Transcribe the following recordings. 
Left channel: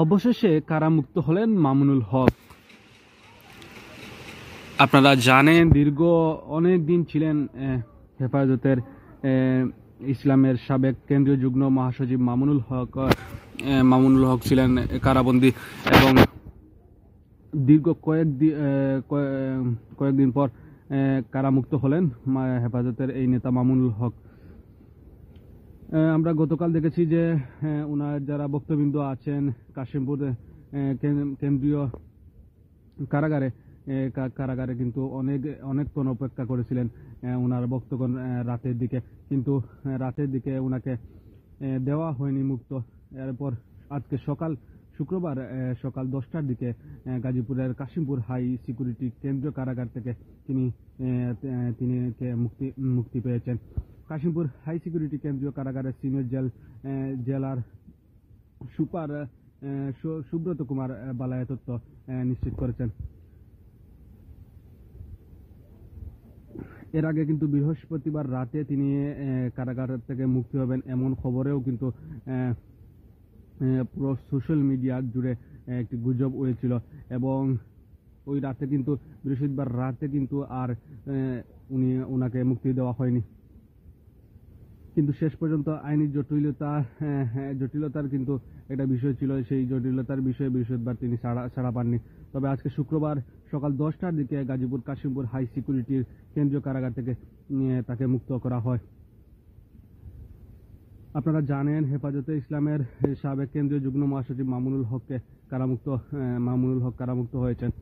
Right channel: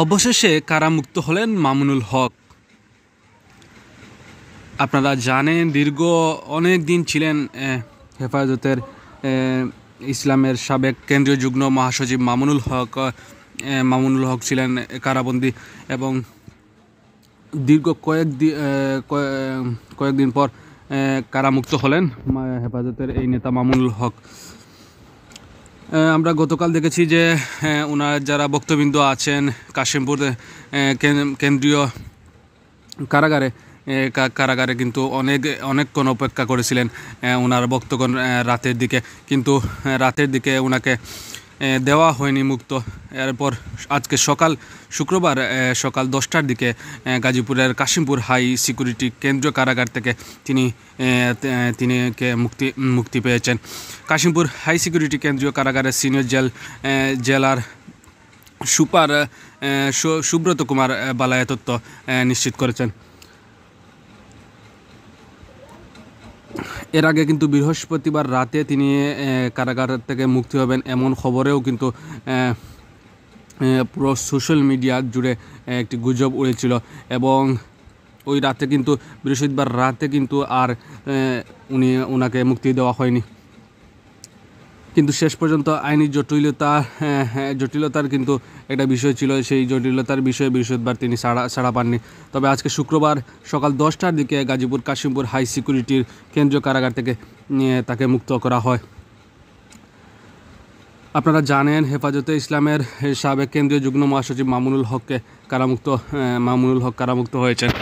অবশেষে কারামুক্ত হলেন মামুনুল হক। আপনারা জানেন দীর্ঘ অনেক দিন ছিলেন হেফাজতের ইসলামের সাবেক কেন্দ্রীয় যুগ্ম মহাসচিব মামুনুল হক ছিলেন কারাবন্দী এবং দীর্ঘ কয়েকদিন পর কারামুক্ত হলেন হেফাজতের এই নেতা মামুনুল হক। আমরা গতকাল দেখেছি যে ওনার যারা বক্তবৃন্দ আছেন কাশিমপুর কেন্দ্রীয় কারাগারে কিন্তু অনেকক্ষণ অপেক্ষা করেছিলেন ওনার বক্তব্য কিন্তু রাতের দিকে ওনাকে দেওয়া হয়নি মুক্ত। এরপর আজকে শুক্রবার সকাল 10টার দিকে গাজীপুরের কাশিমপুর হাই সিকিউরিটি কেন্দ্রীয় কারাগার থেকে তিনি মুক্তি পেয়েছেন। কাশিমপুর হাই সিকিউরিটি কেন্দ্রীয় কারাগারের সিনিয়র জেলার সুপার সুব্রত কুমার বালায়া তথ্য নিশ্চিত করেছেন। এর আগে কিন্তু বৃহস্পতিবার রাতে তিনি কারাগার থেকে মুক্তি হবেন এমন খবরেও কিন্তু পুরো সোশ্যাল মিডিয়া জুড়ে একটি গুজব উড়েছিল এবং ওই রাতে কিন্তু বৃহস্পতিবার রাতে কিন্তু আর ওনাকে মুক্তি দেওয়া হয়নি। কিন্তু শেষ পর্যন্ত আইনি জটিলতার কিন্তু একটা বিষয় ছিল, সেই জটিলতার বিষয়ে বৃহস্পতিবার তিনি ছাড়া পাননি। তবে আজকে শুক্রবার সকাল 10টার দিকে গাজীপুর কাশিমপুর হাই সিকিউরিটির কেন্দ্রীয় কারাগার থেকে তাকে মুক্ত করা হয়। আপনারা জানেন হেফাজতে ইসলামের সাবেক কেন্দ্রীয় যুগ্ম মহাসচিব মামুনুল হক কারামুক্ত হয়েছেন।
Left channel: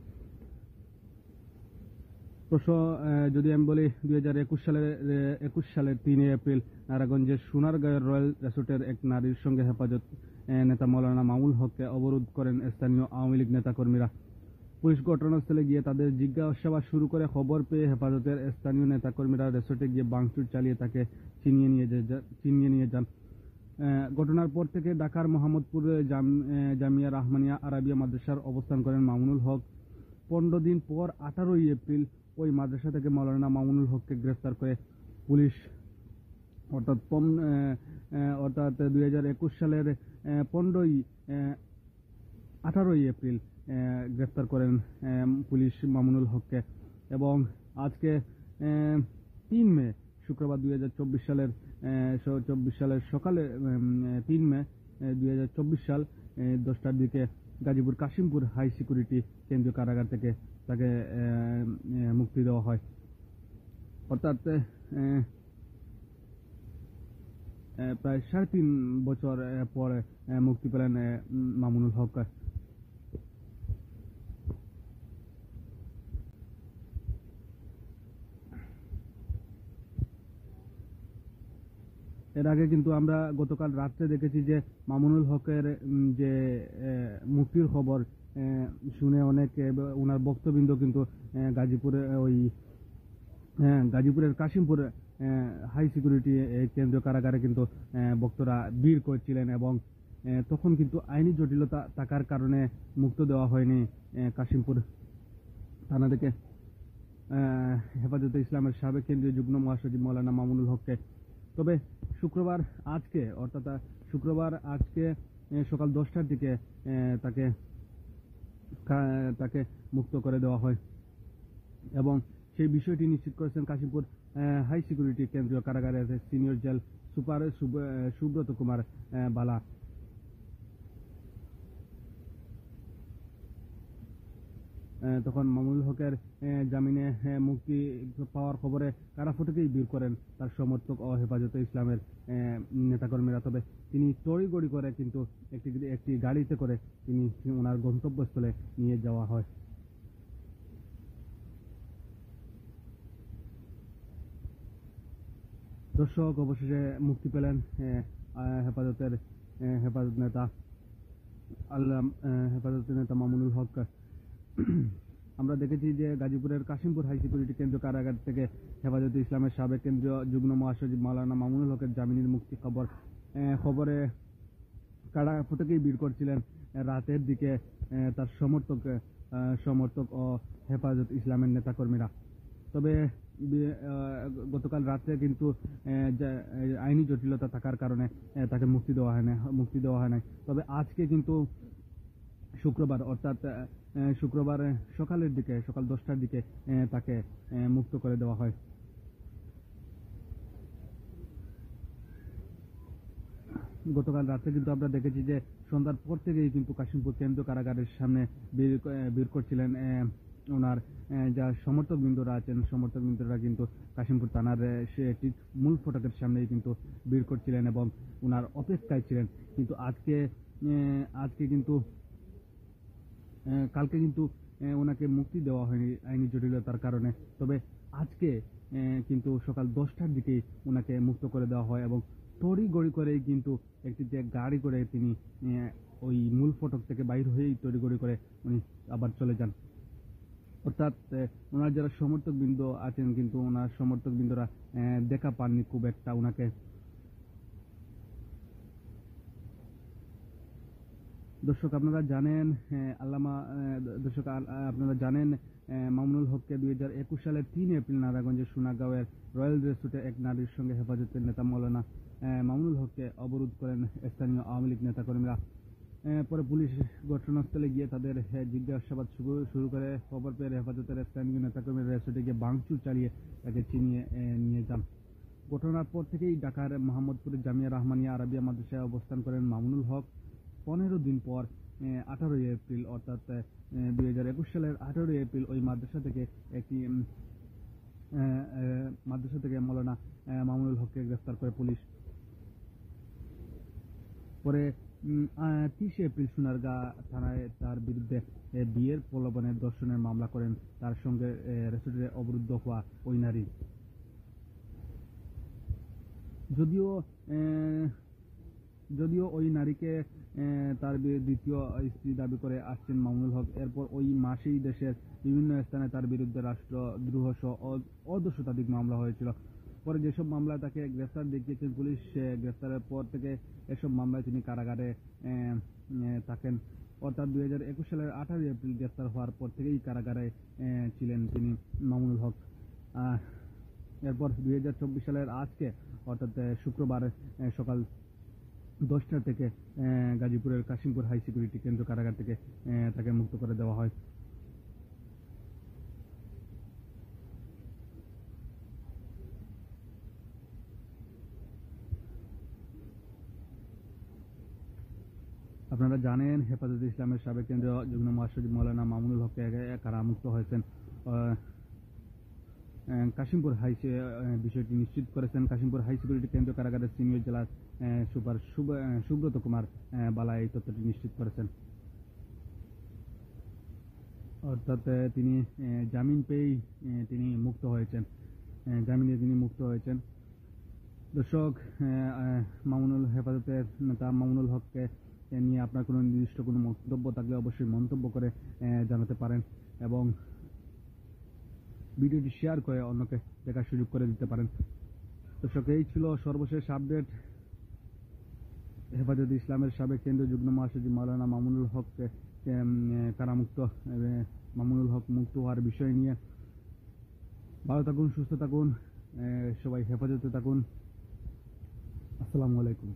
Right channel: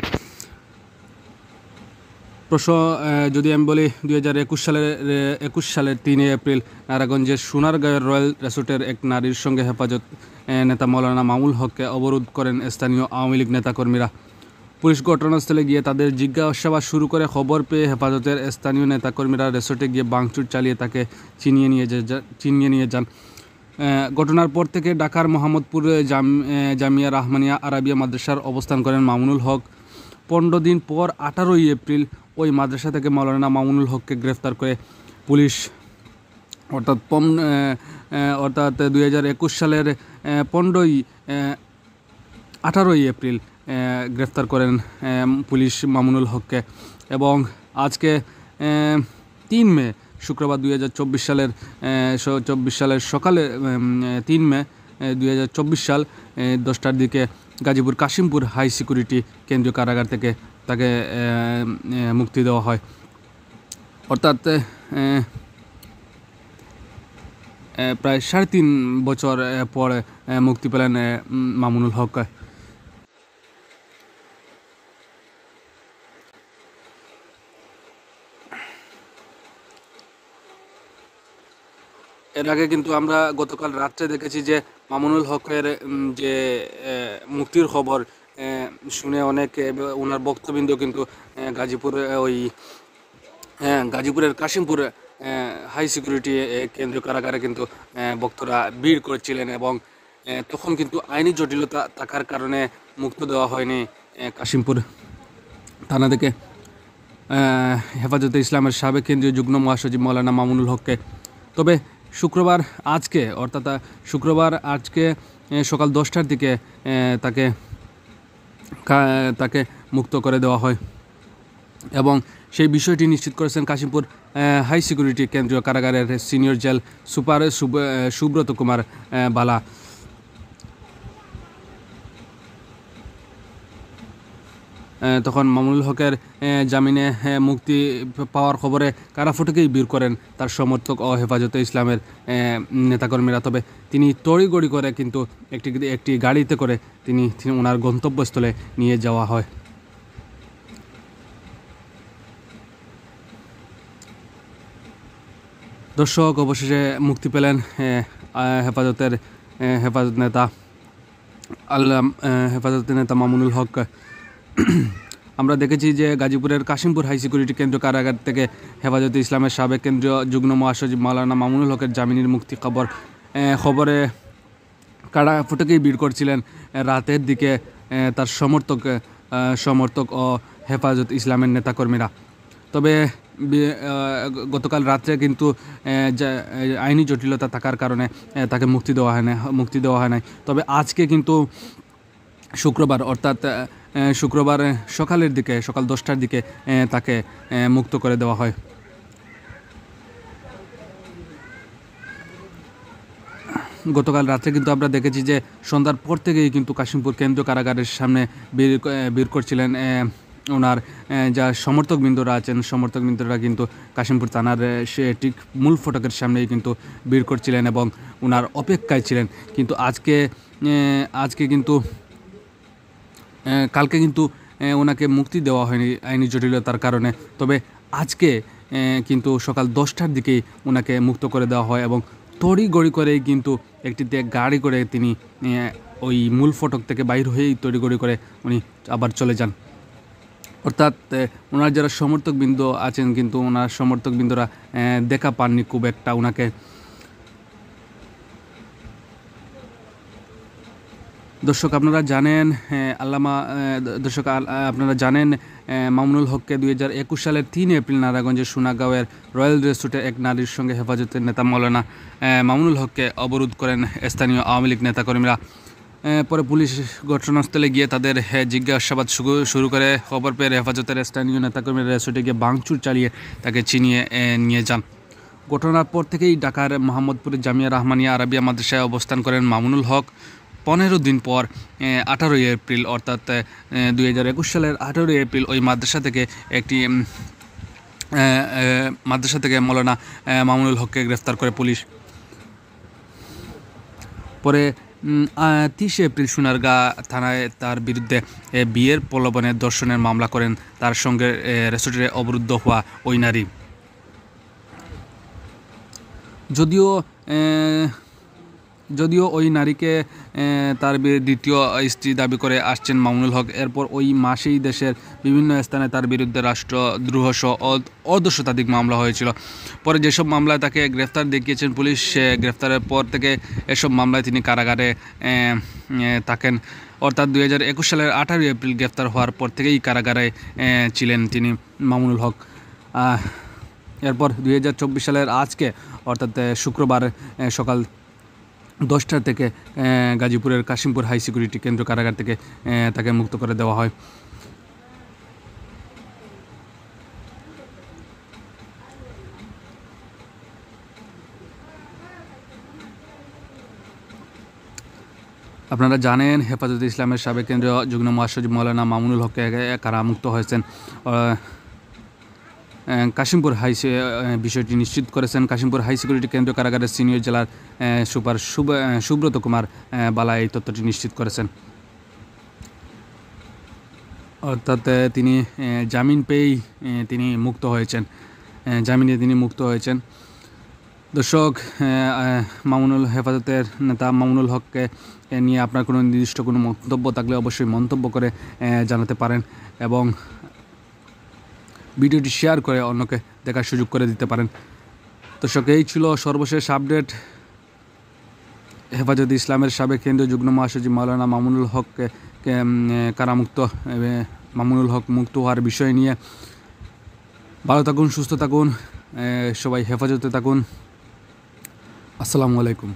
যদি আমি বলি 2021 সালের 3 এপ্রিল নারায়ণগঞ্জের সোনারগাঁয়ের রয়্যাল রিসোর্টের এক নারীর সঙ্গে হেফাজত নেতা মৌলানা মামুনুল হককে অবরোধ করেন স্থানীয় আওয়ামী লীগ নেতাকর্মীরা। পুলিশ ঘটনাস্থলে গিয়ে তাদের জিজ্ঞাসাবাদ শুরু করে। খবর পেয়ে হেফাজতের স্থানীয় নেতাকর্মীরা রিসোর্টে গিয়ে ভাঙচুর চালিয়ে তাকে ছিনিয়ে নিয়ে যান। ঘটনার পর থেকে ঢাকার মোহাম্মদপুর জামিয়া রহমানিয়া আরাবিয়া মাদ্রাসার অবস্থান করেন মামুনুল হক। 15 দিন পর 18 এপ্রিল ওই মাদ্রাসা থেকে মৌলানা মামুনুল হককে গ্রেফতার করে পুলিশ, অর্থাৎ 2021 সালের 18 এপ্রিল গ্রেফতার করেন পুলিশ মামুনুল হককে। এবং আজকে 3 মে শুক্রবার 2024 সালের সকালে 3 মে 2024 সাল 10টার দিকে গাজীপুর কাশিমপুর হাই সিকিউরিটি কেন্দ্রীয় কারাগার থেকে তাকে মুক্তি দেওয়া হয়। অর্থাৎ প্রায় 3.5 বছর পরে মুক্তি পেলেন মামুনুল হক। এর আগে কিন্তু আমরা গতকাল রাত্রে দেখেছি যে মামুনুল হকের যে মুক্তির খবর শুনে অনেক ওনার বক্তবৃন্দ কিন্তু গাজীপুরের কাশিমপুর হাই সিকিউরিটি কেন্দ্রীয় কারাগারে কিন্তু বক্তারা ভিড় করেছিলেন এবং তখন কিন্তু আইনি জটিলতা থাকার কারণে মুক্ত দেওয়া হয়নি কাশিমপুর থানা থেকে হেফাজতে ইসলামের সাবেক কেন্দ্রীয় যুগ্ম মহাসচিব মৌলানা মামুনুল হককে। তবে শুক্রবার আজকে সকাল 10টার দিকে তাকে মুক্ত করে দেওয়া হয় এবং সেই বিষয়টি নিশ্চিত করেছেন কাশিমপুর হাই সিকিউরিটি কেন্দ্রীয় কারাগারের senior jail super Subrata Kumar Bala. তখন মামুনুল হকের জামিনে মুক্তি পাওয়ার খবরে কারাফটকেই বের করেন তার সমর্থক ও হেফাজতে ইসলামের নেতাকর্মীরা। তবে তিনি তড়িগড়ি করে কিন্তু একটি গাড়িতে করে তিনি ওনার গন্তব্যস্থলে নিয়ে যাওয়া হয়। দর্শক, অবশেষে মুক্তি পেলেন হেফাজত নেতা মামুনুল হক। আমরা দেখেছি যে গাজীপুরের কাশিমপুর হাই সিকিউরিটি কেন্দ্রীয় কারাগার থেকে হেফাজতে ইসলামের সাবেক কেন্দ্রীয় যুগ্ম মহাসচিব মাওলানা মামুনুল হকের জামিনের মুক্তি খবরে কারা ফুটকেই ভিড় করছিলেন রাতের দিকে তার সমর্থক ও হেফাজত ইসলামের নেতাকর্মীরা। তবে গতকাল রাত্রে কিন্তু আইনি জটিলতা থাকার কারণে তাকে মুক্তি দেওয়া হয় নাই। তবে আজকে কিন্তু শুক্রবার অর্থাৎ শুক্রবার সকালের দিকে সকাল 10টার দিকে তাকে মুক্ত করে দেওয়া হয়। গতকাল রাত্রে কিন্তু আমরা দেখেছি যে সন্ধ্যার পর থেকেই কিন্তু কাশিমপুর কেন্দ্রীয় কারাগারের সামনে বের করছিলেন ওনার যা সমর্থকবৃন্দরা আছেন, সমর্থকবৃন্দরা কিন্তু কাশিমপুর থানার সে ঠিক মূল ফটকের সামনেই কিন্তু বের করছিলেন এবং ওনার অপেক্ষায় ছিলেন। কিন্তু আজকে কিন্তু কালকে কিন্তু ওনাকে মুক্তি দেওয়া হয়নি আইনি জটিলতার কারণে। তবে আজকে কিন্তু সকাল 10টার দিকেই ওনাকে মুক্ত করে দেওয়া হয় এবং তড়িঘড়ি করেই কিন্তু একটি গাড়ি করে তিনি ওই মূল ফটক থেকে বাইর হয়েই তড়িঘড়ি করে উনি আবার চলে যান। অর্থাৎ ওনার যারা সমর্থকবৃন্দ আছেন কিন্তু ওনার সমর্থকবৃন্দরা দেখা পাননি খুব একটা ওনাকে। দর্শক আপনারা জানেন আপনারা জানেন মামুনুল হককে 2021 সালের 3 এপ্রিল নারায়ণগঞ্জের সোনাগাঁওয়ের রয়্যাল রেস্টুরেন্টে এক নারীর সঙ্গে হেফাজতের নেতা মাওলানা মামুনুল হককে অবরোধ করেন স্থানীয় আওয়ামী লীগ নেতাকর্মীরা। পরে পুলিশ ঘটনাস্থলে গিয়ে তাদের জিজ্ঞাসাবাদ শুরু করে। খবর পেয়ে হেফাজতের স্থানীয় নেতাকর্মীরা রেস্টুরেন্টে গিয়ে ভাঙচুর চালিয়ে তাকে ছিনিয়ে নিয়ে যান। ঘটনার পর থেকেই ঢাকার মোহাম্মদপুরের জামিয়া রহমানিয়া আরাবিয়া মাদ্রাসায় অবস্থান করেন মামুনুল হক। 15 দিন পর 18 এপ্রিল অর্থাৎ 2021 সালের 18 এপ্রিল ওই মাদ্রাসা থেকে মৌলানা মামুনুল হককে গ্রেফতার করে পুলিশ। পরে 30 এপ্রিল সোনারগাঁ থানায় তার বিরুদ্ধে বিয়ের প্রলোভনে ধর্ষণের মামলা করেন তার সঙ্গে রেস্টুরেন্টে অবরুদ্ধ হওয়া ওই নারী। যদিও ওই নারীকে তার দ্বিতীয় স্ত্রী দাবি করে আসছেন মামুনুল হক। এরপর ওই মাসেই দেশের বিভিন্ন স্থানে তার বিরুদ্ধে রাষ্ট্রদ্রোহ সহ অর্ধশতাধিক মামলা হয়েছিল। পরে যেসব মামলায় তাকে গ্রেফতার দেখিয়েছেন পুলিশ, গ্রেফতারের পর থেকে এসব মামলায় তিনি কারাগারে থাকেন। অর্থাৎ 2021 সালের 18 এপ্রিল গ্রেফতার হওয়ার পর থেকেই কারাগারে ছিলেন তিনি মামুনুল হক। এরপর 2024 সালের আজকে অর্থাৎ শুক্রবার সকাল 10টা থেকে গাজীপুরের কাশিমপুর হাই সিকিউরিটি কেন্দ্র কারাগার থেকে তাকে মুক্ত করে দেওয়া হয়। আপনারা জানেন হেফাজতে ইসলামের সাবেক কেন্দ্রীয় যুগ্ম মহাসচিব মৌলানা মামুনুল হককে কারামুক্ত হয়েছেন। কাশিমপুর বিষয়টি নিশ্চিত করেছেন কাশিমপুর হাই সিকিউরিটি কেন্দ্রীয় কারাগারের সিনিয়র জেলার সুপার সুব্রত কুমার বালা এই তথ্যটি নিশ্চিত করেছেন। অর্থাৎ তিনি জামিন পেয়েই তিনি মুক্ত হয়েছেন। দর্শক, হেফাজতের নেতা মামুনুল হককে নিয়ে আপনার কোনো নির্দিষ্ট কোনো মন্তব্য থাকলে অবশ্যই মন্তব্য করে জানাতে পারেন এবং ভিডিওটি শেয়ার করে অন্যকে দেখার সুযোগ করে দিতে পারেন। দর্শক, এই ছিল সর্বশেষ আপডেট হেফাজতে ইসলামের সাবেক কেন্দ্রীয় যুগ্ম মহাসচিব মাওলানা মামুনুল হককে মামুনুল হক মুক্ত হওয়ার বিষয় নিয়ে। ভালো থাকুন, সুস্থ থাকুন, সবাই হেফাজতে থাকুন। আসসালামু আলাইকুম।